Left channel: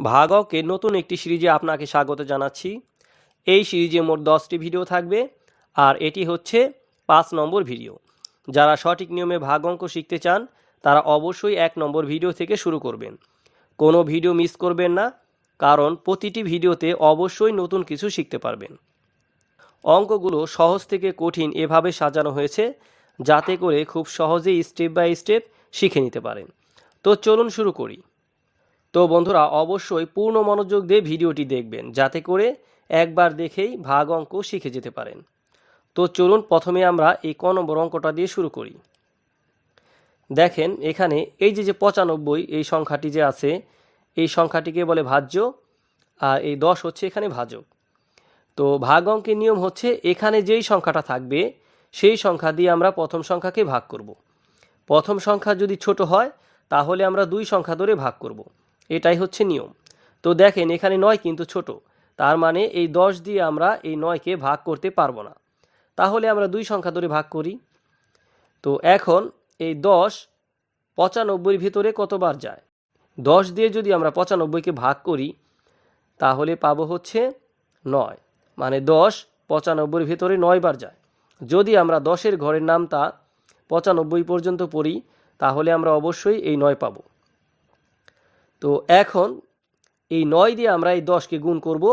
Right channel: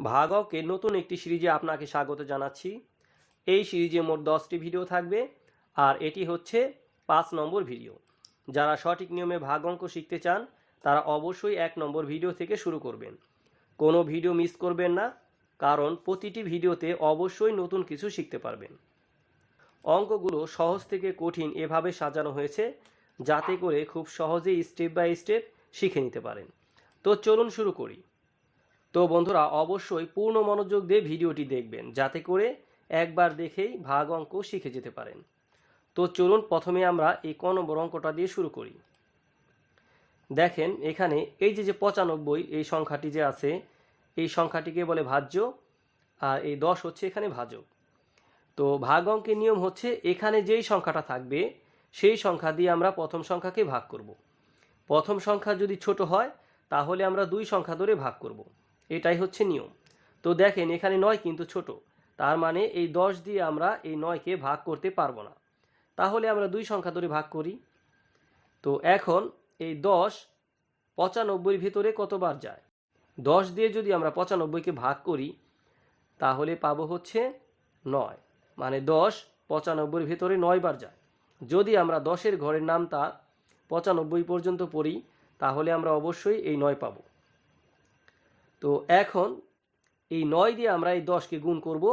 ভাগকের নতুন একটি সিরিজে আপনাকে স্বাগত জানাচ্ছি। এই সিরিজে মোট দশটি ভিডিও থাকবে আর এটি হচ্ছে পাঁচ নম্বর ভিডিও। যারা সঠিক নিয়মে ভাগ অঙ্ক শিখতে চান, তারা অবশ্যই এক নম্বর ভিডিও থেকে শুরু করবেন। কোনো ভিডিও মিস করবেন না, কারণ প্রতিটি ভিডিওতে অবশ্যই নতুন কিছু শিখতে পারবেন। অঙ্কগুলো সহজ থেকে কঠিন এভাবে সাজানো হয়েছে, যাতে করে খুব সহজেই স্টেপ বাই স্টেপ শিখে নিতে পারেন। তো চলুন শুরু করি। তো বন্ধুরা, অবশ্যই পূর্ণ মনোযোগ দিয়ে ভিডিওটি দেখবেন, যাতে করে একবার দেখেই ভাগ অঙ্ক শিখে যেতে পারেন তো চলুন প্রথমে আমরা এই ক নম্বর অঙ্কটা দিয়ে শুরু করি দেখেন, এখানে এই যে যে পঁচানব্বই, এই সংখ্যাটি যে আছে, এই সংখ্যাটিকে বলে ভাজ্য, আর এই দশ হচ্ছে এখানে ভাজক তো ভাগ অঙ্কের নিয়ম হচ্ছে, এখানে যেই সংখ্যাটা থাকবে, সেই সংখ্যা দিয়ে আমরা প্রথম সংখ্যাকে ভাগ করব। প্রথম সংখ্যা যদি ছোট হয়, তাহলে আমরা দুই সংখ্যা ধরে ভাগ করব। এটাই হচ্ছে নিয়ম। তো দেখেন, এখানে নয় কিন্তু ছোট। তার মানে এই দশ দিয়ে আমরা এই নয়কে ভাগ করতে পারব না। তাহলে আমরা দুই সংখ্যা ধরে ভাগ করি। তো এখন এই দশ পঁচানব্বইয়ের ভিতরে কতবার যায়? দশ দিয়ে যদি আমরা পঁচানব্বইকে ভাগ করি, তাহলে পাবো হচ্ছে নয়। মানে দশ পঁচানব্বইয়ের ভিতরে নয়বার যায়। যদি আমরা দশের ঘরের নামটা পঁচানব্বই পর্যন্ত পড়ি, তাহলে আমরা অবশ্যই এই নয় পাব। তো এখন এই নয় দিয়ে আমরা এই দশকে গুণ করব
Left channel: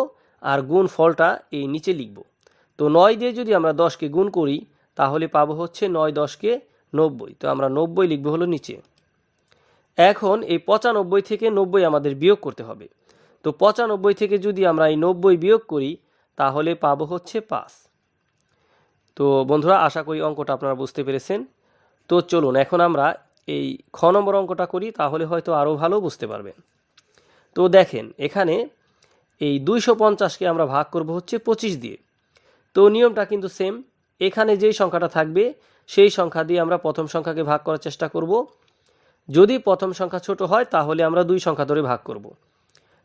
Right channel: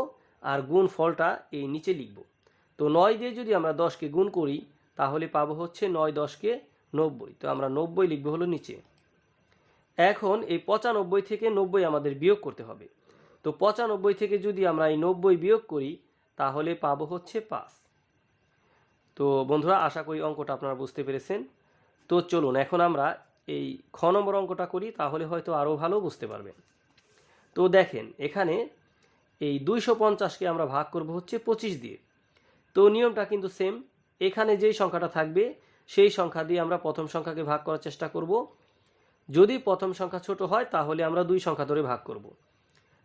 আর গুণ ফলটা এই নিচে লিখব। তো নয় দিয়ে যদি আমরা দশকে গুণ করি, তাহলে পাবো হচ্ছে নয় দশকে নব্বই। তো আমরা নব্বই লিখব হলো নিচে। এখন এই পঁচানব্বই থেকে নব্বই আমাদের বিয়োগ করতে হবে। তো পঁচানব্বই থেকে যদি আমরা এই নব্বই বিয়োগ করি, তাহলে পাবো হচ্ছে পাঁচ। তো বন্ধুরা, আশা করি অঙ্কটা আপনারা বুঝতে পেরেছেন। তো চলুন, এখন আমরা এই খ নম্বর অঙ্কটা করি, তাহলে হয়তো আরও ভালো বুঝতে পারবেন তো দেখেন, এখানে এই দুইশো পঞ্চাশকে আমরা ভাগ করব হচ্ছে পঁচিশ দিয়ে। তো নিয়মটা কিন্তু সেম, এখানে যেই সংখ্যাটা থাকবে, সেই সংখ্যা দিয়ে আমরা প্রথম সংখ্যাকে ভাগ করার চেষ্টা করব। যদি প্রথম সংখ্যা ছোট হয়, তাহলে আমরা দুই সংখ্যা ধরে ভাগ করব।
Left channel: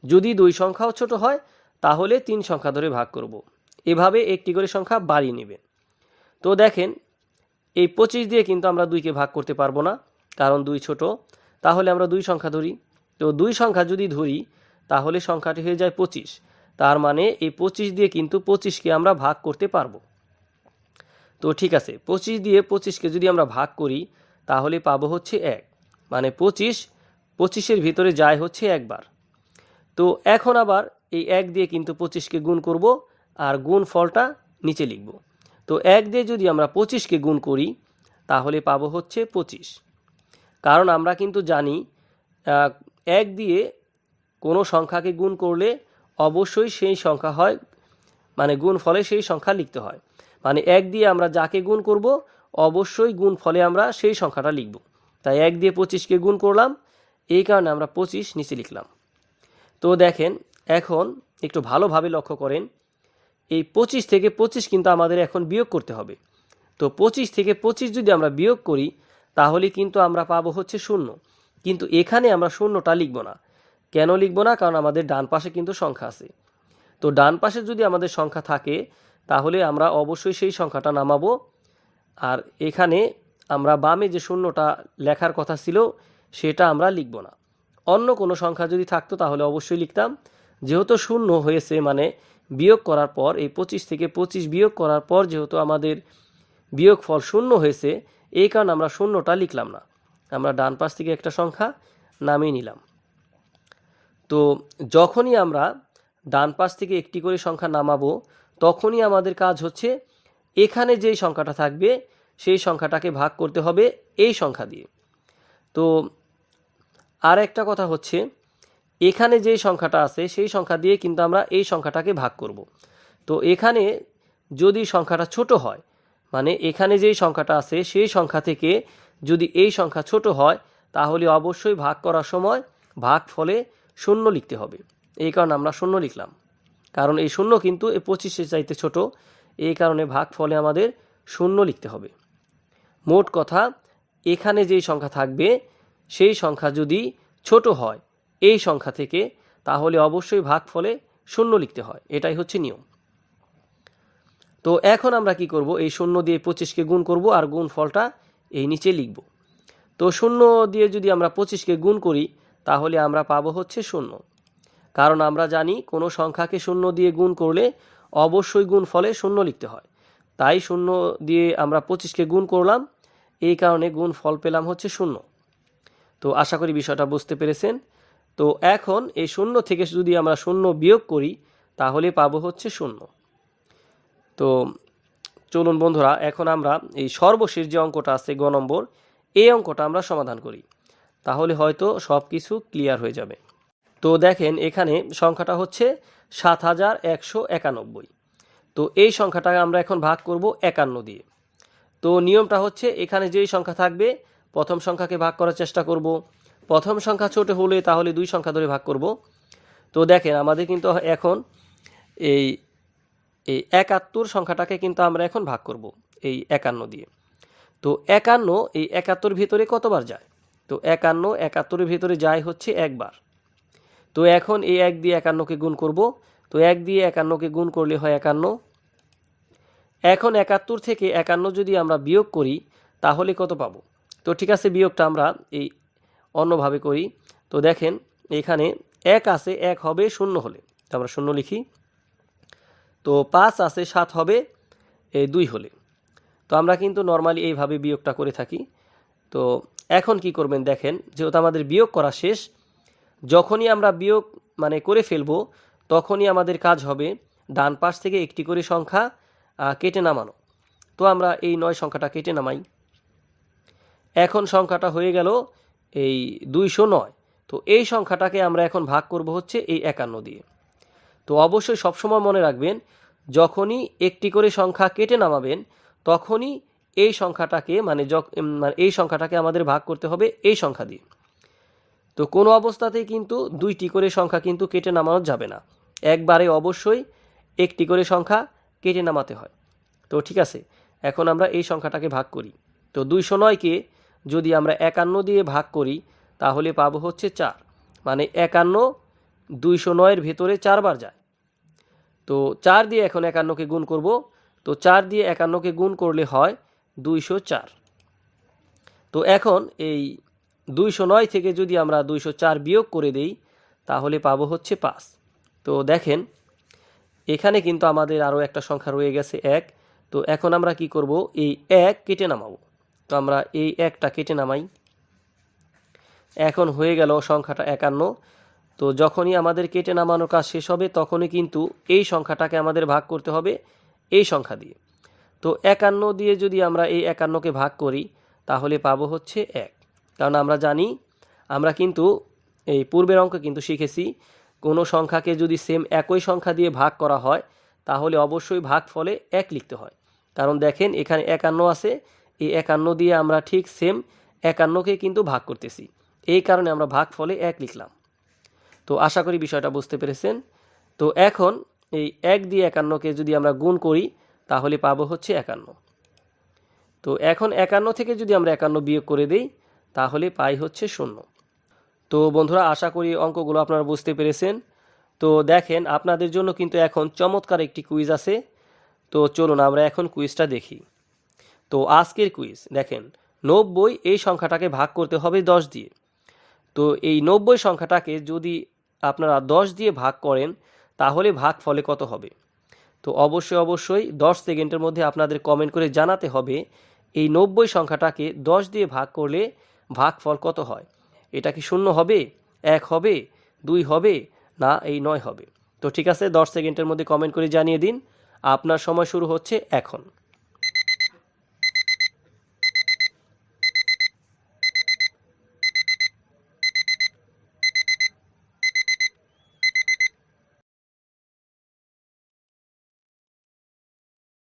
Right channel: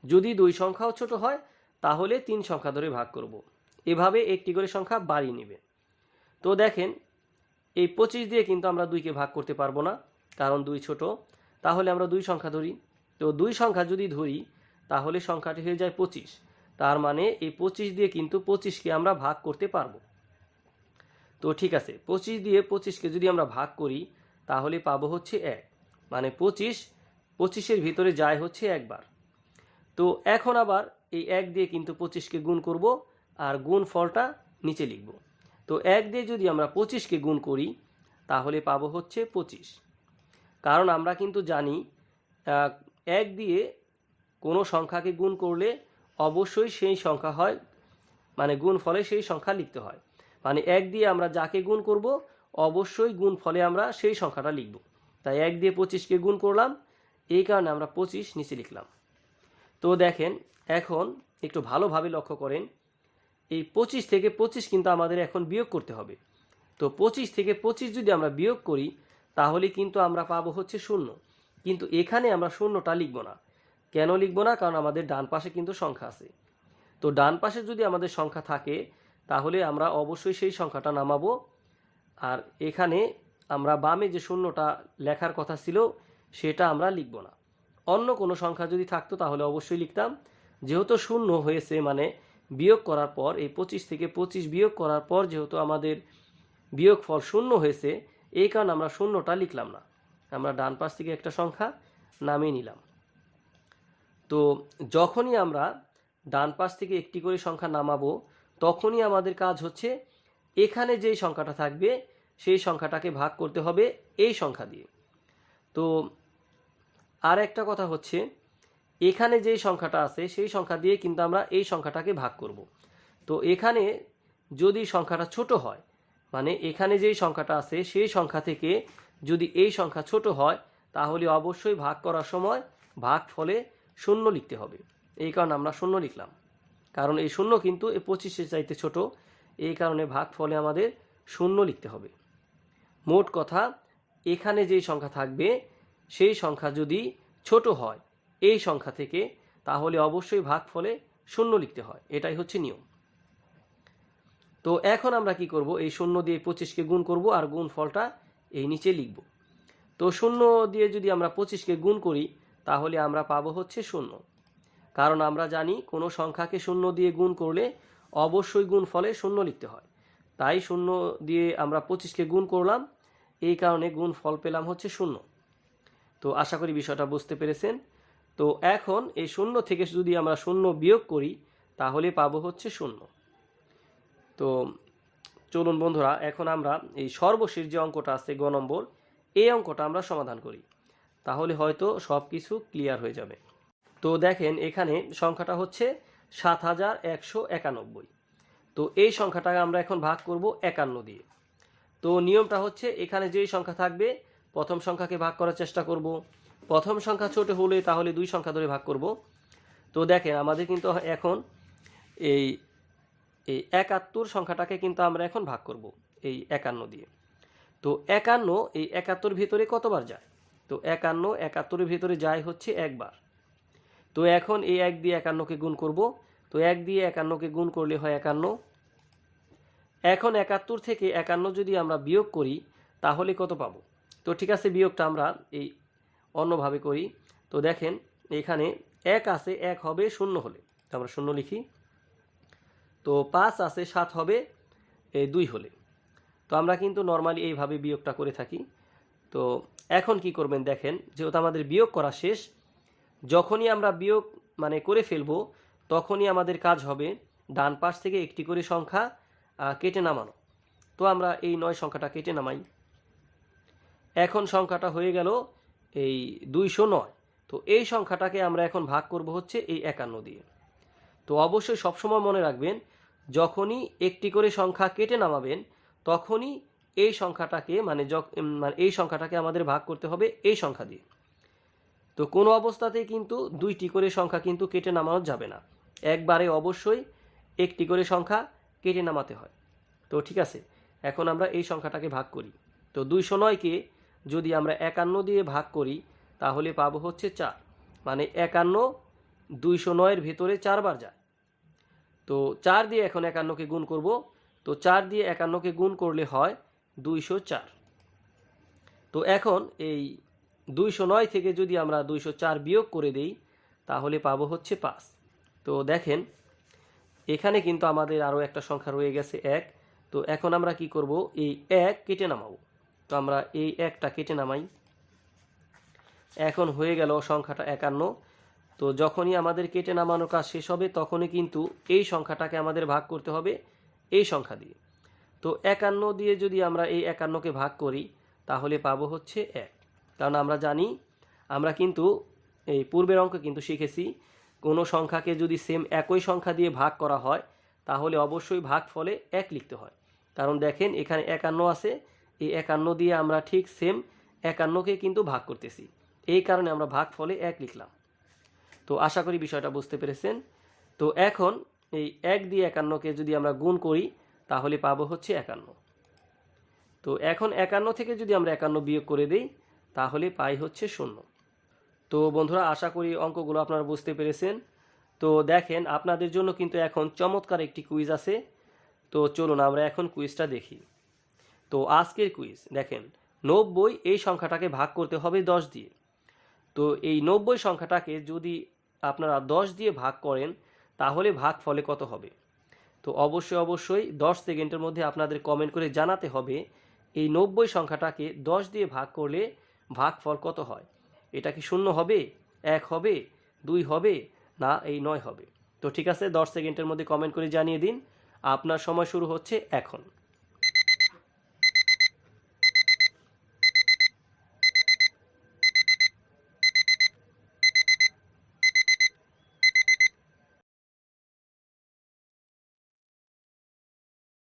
যদি দুই সংখ্যাও ছোট হয়, তাহলে তিন সংখ্যা ধরে ভাগ করব। এভাবে একটি করে সংখ্যা বাড়িয়ে নেবে। তো দেখেন, এই পঁচিশ দিয়ে কিন্তু আমরা দুইকে ভাগ করতে পারব না। কারণ দুই ছোট, তাহলে আমরা দুই সংখ্যা ধরি। তো দুই সংখ্যা যদি ধরি, তাহলে সংখ্যাটি হয়ে যায় পঁচিশ। তার মানে এই পঁচিশ দিয়ে কিন্তু পঁচিশকে আমরা ভাগ করতে পারব। তো ঠিক আছে, পঁচিশ দিয়ে পঁচিশকে যদি আমরা ভাগ করি, তাহলে পাবো হচ্ছে এক। মানে পঁচিশ, পঁচিশের ভিতরে যায় হচ্ছে একবার। তো এখন আবার এই এক দিয়ে কিন্তু পঁচিশকে গুণ করব আর গুণ ফলটা নিচে লিখব। তো এক দিয়ে যদি আমরা পঁচিশকে গুণ করি, তাহলে পাবো হচ্ছে পঁচিশ। কারণ আমরা কিন্তু জানি এক দিয়ে কোনো সংখ্যাকে গুণ করলে অবশ্যই সেই সংখ্যা হয় মানে গুণ ফলে সেই সংখ্যা লিখতে হয়। মানে এক দিয়ে আমরা যাকে গুণ করব, অবশ্যই গুণ ফলে আমরা সেই সংখ্যাটা লিখব। তাই এক দিয়ে পঁচিশকে গুণ করলাম, এই কারণে আমরা পঁচিশ নিচে লিখলাম। তো দেখেন, এখন একটু ভালোভাবে লক্ষ্য করেন, এই পঁচিশ থেকে পঁচিশ কিন্তু আমাদের এখন বিয়োগ করতে হবে। তো পঁচিশ থেকে পঁচিশ যদি আমরা বিয়োগ করি তাহলে কিন্তু আমরা পাবো হচ্ছে শূন্য। কিন্তু এখানে আমরা শূন্যটা লিখব না। কেন লিখব না? কারণ আমাদের ডান পাশে কিন্তু সংখ্যা আছে। তো ডান পাশে যদি আমাদের সংখ্যা থাকে, তাহলে আমরা অবশ্যই সেই সংখ্যাটা নামাবো। আর এখানে আমরা বামে যে শূন্যটা লেখার কথা ছিল, সেটা আমরা লিখব না। অন্য কোনো সংখ্যা যদি থাকতো, তাহলে অবশ্যই লিখতাম। যেহেতু শূন্য হয়েছে মানে বিয়োগ করার পর, এই পঁচিশ থেকে পঁচিশ বিয়োগ করার পর যেহেতু আমাদের বিয়োগ ফল শূন্য হয়েছে এই কারণে আমরা শূন্যটা লিখলাম না। আমরা ডান পাশ থেকে একটা সংখ্যা নামিয়ে নিলাম। তো যখনই আমরা ডান পাশ থেকে একটি করে সংখ্যা নামাবো, তখনই আমাদের কাজ হচ্ছে এখানে যেই সংখ্যাটা থাকবে, সেই সংখ্যাটাকে ভাগ করতে হবে এই সংখ্যা দিয়ে। তো আর একটা কথা হচ্ছে, এখানে যেই সংখ্যাটা আছে, সেই সংখ্যা দিয়ে কিন্তু আমরা এই সংখ্যাটাকে ভাগ করব। তো এখানে যদি সংখ্যাটা ছোট হয় মানে এখানে যেই সংখ্যাটা আছে, সেই সংখ্যা থেকে যদি এই সংখ্যা ছোট হয়, তাহলে অবশ্যই ভাগ করার সময় ভাগ ফলে শূন্য লিখতে হবে। এই কারণে আমরা শূন্য লিখলাম। কারণ এই শূন্য কিন্তু এই পঁচিশের চাইতে ছোট। এই কারণে ভাগ ফলে আমাদের শূন্য লিখতে হবে। মোট কথা, এখানে যেই সংখ্যা থাকবে, সেই সংখ্যা যদি ছোট হয় এই সংখ্যা থেকে, তাহলে অবশ্যই ভাগ ফলে শূন্য লিখতে হয়। এটাই হচ্ছে নিয়ম। তো এখন আমরা কি করব? এই শূন্য দিয়ে পঁচিশকে গুণ করব আর গুণ ফলটা এই নিচে লিখব। তো শূন্য দিয়ে যদি আমরা পঁচিশকে গুণ করি, তাহলে আমরা পাবো হচ্ছে শূন্য। কারণ আমরা জানি কোনো সংখ্যাকে শূন্য দিয়ে গুণ করলে অবশ্যই গুণ ফলে শূন্য লিখতে হয়। তাই শূন্য দিয়ে আমরা পঁচিশকে গুণ করলাম, এই কারণে গুণ ফল পেলাম হচ্ছে শূন্য। তো আশা করি বিষয়টা বুঝতে পেরেছেন। তো এখন এই শূন্য থেকে যদি আমরা শূন্য বিয়োগ করি, তাহলে পাবো হচ্ছে শূন্য। তো চলুন বন্ধুরা, এখন আমরা এই সর্বশেষ যে অঙ্কটা আছে গ নম্বর, এই অঙ্কটা আমরা সমাধান করি। তাহলে হয়তো সব কিছু ক্লিয়ার হয়ে যাবে। তো দেখেন, এখানে সংখ্যাটা হচ্ছে সাত হাজার একশো একানব্বই। তো এই সংখ্যাটাকে আমরা এখন ভাগ করব একান্ন দিয়ে। তো নিয়মটা হচ্ছে, এখানে যেই সংখ্যা থাকবে, প্রথম সংখ্যাকে ভাগ করার চেষ্টা করব। প্রথম সংখ্যা ছোট হলে তাহলে দুই সংখ্যা ধরে ভাগ করব। তো দেখেন, আমাদের কিন্তু এখন এই এই একাত্তর সংখ্যাটাকে কিন্তু আমরা এখন ভাগ করব এই একান্ন দিয়ে। তো একান্ন, এই একাত্তর ভিতরে কতবার যায়? তো একান্ন একাত্তরের ভিতরে যায় হচ্ছে একবার। তো এখন এই এক দিয়ে একান্নকে গুণ করব। তো এক দিয়ে একান্নকে গুণ করলে হয় একান্ন। এখন একাত্তর থেকে একান্ন যদি আমরা বিয়োগ করি, তাহলে কত পাবো? তো ঠিক আছে, বিয়োগটা আমরা এই অন্যভাবে করি। তো দেখেন, এখানে এক আছে, এক হবে শূন্য হলে। তো আমরা শূন্য লিখি। তো পাঁচ আছে, সাত হবে এই দুই হলে। তো আমরা কিন্তু নর্মালি এইভাবে বিয়োগটা করে থাকি। তো এখন কি করবেন দেখেন, যেহেতু আমাদের বিয়োগ করা শেষ, যখনই আমরা বিয়োগ মানে করে ফেলব, তখনই আমাদের কাজ হবে ডান পাশ থেকে একটি করে সংখ্যা কেটে নামানো। তো আমরা এই নয় সংখ্যাটা কেটে নামাই। এখন সংখ্যাটা হয়ে গেল এই দুইশো নয়। তো এই সংখ্যাটাকে আমরা এখন ভাগ করব হচ্ছে এই একান্ন দিয়ে। তো অবশ্যই সবসময় মনে রাখবেন, যখনই একটি করে সংখ্যা কেটে নামাবেন, তখনই এই সংখ্যাটাকে মানে মানে এই সংখ্যাটাকে আমাদের ভাগ করতে হবে এই সংখ্যা দিয়ে। তো কোনো অবস্থাতেই কিন্তু দুইটি করে সংখ্যা কিন্তু কেটে নামানো যাবে না। একবারে অবশ্যই একটি করে সংখ্যা কেটে নামাতে হয়। তো ঠিক আছে, এখন আমরা এই সংখ্যাটাকে ভাগ করি। তো দুইশো নয়কে যদি আমরা একান্ন দিয়ে ভাগ করি, তাহলে পাবো হচ্ছে চার। মানে একান্ন দুইশো নয়ের ভেতরে চারবার যায়। তো চার দিয়ে এখন একান্নকে গুণ করব। তো চার দিয়ে একান্নকে গুণ করলে হয় দুইশো চার। তো এখন এই দুইশো নয় থেকে যদি আমরা দুইশো চার বিয়োগ করে দেই, তাহলে পাবো হচ্ছে পাঁচ। তো দেখেন, এখানে কিন্তু আমাদের আরও একটা সংখ্যা রয়ে গেছে, এক। তো এখন আমরা কি করব? এই এক কেটে নামাবো। তো আমরা এই একটা কেটে নামাই। এখন হয়ে গেল সংখ্যাটা একান্ন। তো যখনই আমাদের কেটে নামানো কাজ শেষ হবে, তখনই কিন্তু এই সংখ্যাটাকে আমাদের ভাগ করতে হবে এই সংখ্যা দিয়ে। তো একান্ন দিয়ে যদি আমরা এই একান্নকে ভাগ করি, তাহলে পাবো হচ্ছে এক। কারণ আমরা জানি, আমরা কিন্তু এই পূর্বের অঙ্ক কিন্তু শিখেছি, কোনো সংখ্যাকে যদি সেম একই সংখ্যা দিয়ে ভাগ করা হয়, তাহলে অবশ্যই ভাগ ফলে এক লিখতে হয়। কারণ দেখেন, এখানে একান্ন আছে, এই একান্ন দিয়ে আমরা ঠিক সেম একান্নকে কিন্তু ভাগ করতেছি। এই কারণে আমরা ভাগ ফলে এক লিখলাম। তো আশা করি বিষয়টা বুঝতে পেরেছেন। তো এখন এই এক দিয়ে একান্নকে যদি আমরা গুণ করি, তাহলে পাবো হচ্ছে একান্ন। তো এখন একান্ন থেকে যদি আমরা একান্ন বিয়োগ করে দিই, তাহলে পাই হচ্ছে শূন্য। তো বন্ধুরা, আশা করি অঙ্কগুলো আপনারা বুঝতে পেরেছেন। তো দেখেন, আপনাদের জন্য কিন্তু এখন চমৎকার একটি কুইজ আছে। তো চলুন আমরা এখন কুইজটা দেখি। তো আজকের কুইজ দেখেন, নব্বই এই সংখ্যাটাকে ভাগ করতে হবে দশ দিয়ে। তো এই নব্বই সংখ্যাটাকে যদি আপনারা দশ দিয়ে ভাগ করেন, তাহলে ভাগ ফলে কত হবে? তো অবশ্যই অবশ্যই দশ সেকেন্ডের মধ্যে আপনাদের কমেন্ট করে জানাতে হবে, এই নব্বই সংখ্যাটাকে দশ দিয়ে ভাগ করলে ভাগফল কত হয়? এটা কি শূন্য হবে? এক হবে? দুই হবে? না, এই নয় হবে। তো ঠিক আছে, দশ সেকেন্ডের মধ্যে কমেন্ট করে জানিয়ে দিন। আপনার সময় শুরু হচ্ছে এখন।